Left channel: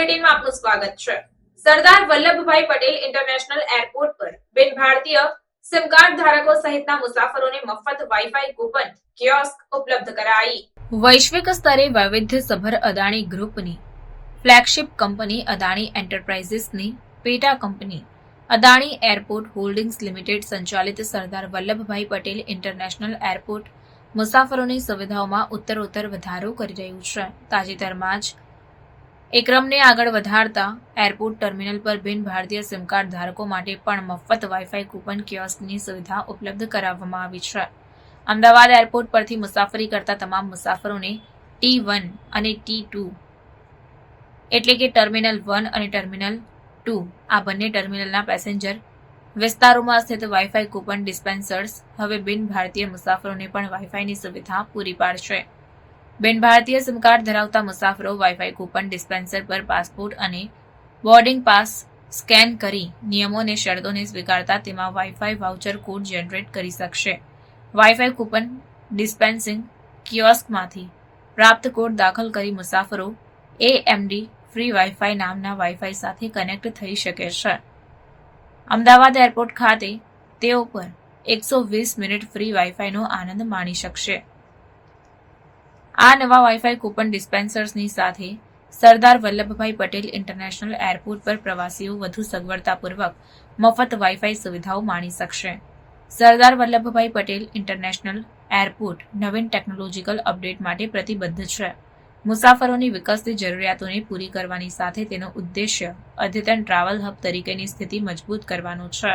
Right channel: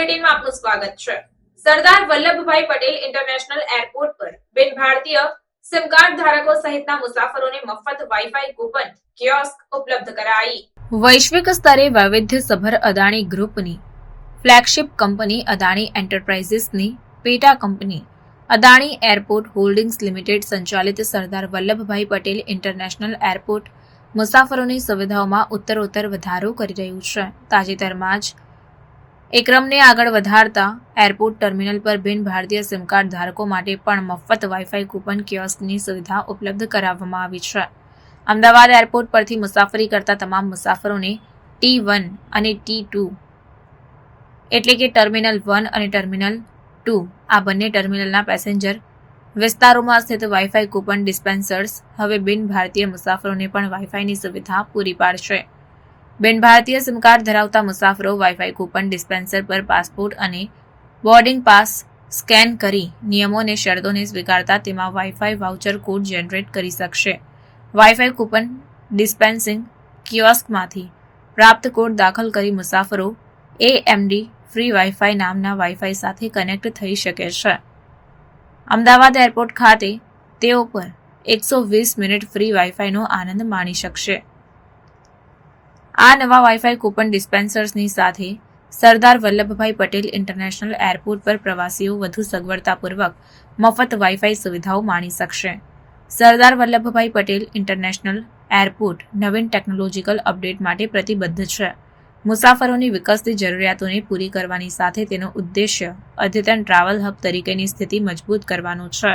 બુલેટિનમાં આપનું સ્વાગત છે। સરદાર વલ્લભભાઈ પટેલ ઇન્ટરનેશનલ એરપોર્ટ પર બિન ભારતીય સિમ કાર્ડ ધારકો સહિતના મુસાફરોને મફત વાઈફાઈ કૂપન કિયોસ્ક ઉપલબ્ધ કરાઈ। વૈશ્વિક સ્તરે વૈવિધ્યસભર અદાણી ગ્રુપની ફ્લેગશિપ કંપની અદાણી એન્ટરપ્રાઇઝિસની પેટા company Adani airport holdings limited સંચાલિત સરદાર વલ્લભભાઈ પટેલ ઇન્ટરનેશનલ એરપોર્ટ મુસાફરોની સુવિધાઓમાં ઉત્તરોત્તર વધારો કરી રહ્યું છે। તાજેતરમાં જ એ ક્રમને આગળ વધારતા એરપોર્ટ ટર્મિનલ પર બિન ભારતીય સિમ કાર્ડ ધારકો માટે પણ મફત વાઈફાઈ કૂપન કિયોસ્કની સુવિધા ઉપલબ્ધ કરાવવામાં આવી છે। અમદાવાદ એરપોર્ટ પરથી મુસાફરી કરતા તમામ મુસાફરોને T1 અને T2 એટલે કે ટર્મિનલ 1 અને ટર્મિનલ 2 આ બંને ટર્મિનલના પેસેન્જર વિસ્તારોમાં સ્થિત વાઈફાઈ કૂપન ડિસ્પેન્સર્સ હવે બિન ભારતીય મુસાફરોને પણ વાઈફાઈની સુવિધા પૂરી પાડશે। બિન ભારતીય સિમ કાર્ડ ધરાવતા મુસાફરો વાઈફાઈ કૂપન ડિસ્પેન્સર પર પાસપોર્ટ અને બોર્ડિંગ પાસ સ્કેન કરી નિયમો અને શરતોને સ્વીકારતા તેમાં વાઈફાઈ વાઉચર કોડ જનરેટ કરી શકશે। વાઈફાઈ કૂપન ડિસ્પેન્સિંગ કિયોસ્કમાંથી પ્રાપ્ત કોડ દાખલ કરી મુસાફરો AMD ફ્રી વાઈફાઈ નામના વાઈફાઈ સાથે કનેક્ટ થઈ શકે છે। અમદાવાદ એરપોર્ટ ખાતે તેઓ પર 120 મિનિટ ફ્રી વાઈફાઈનો આનંદ માણી શકશે। આ નવા વાઈફાઈ કૂપન ડિસ્પેન્સર્સની સાથે સરદાર વલ્લભભાઈ પટેલ ઇન્ટરનેશનલ એરપોર્ટ પર પ્રવાસીઓ વધુ સગવડતાપૂર્વક મફત વાઈફાઈ સુવિધાઓ માણી શકશે। સરદાર વલ્લભભાઈ પટેલ ઇન્ટરનેશનલ એરપોર્ટ નવીન ટેકનોલોજીકલ અપડેટ માટે પ્રતિબદ્ધ છે। મુસાફરોની વિકસતી જરૂરિયાતોને પૂરી કરવાની સાથે તેનો ઉદ્દેશ્ય અદ્યતન ટ્રાવેલ હબ તરીકેની સ્થિતિ મજબૂત કરવાનો છે।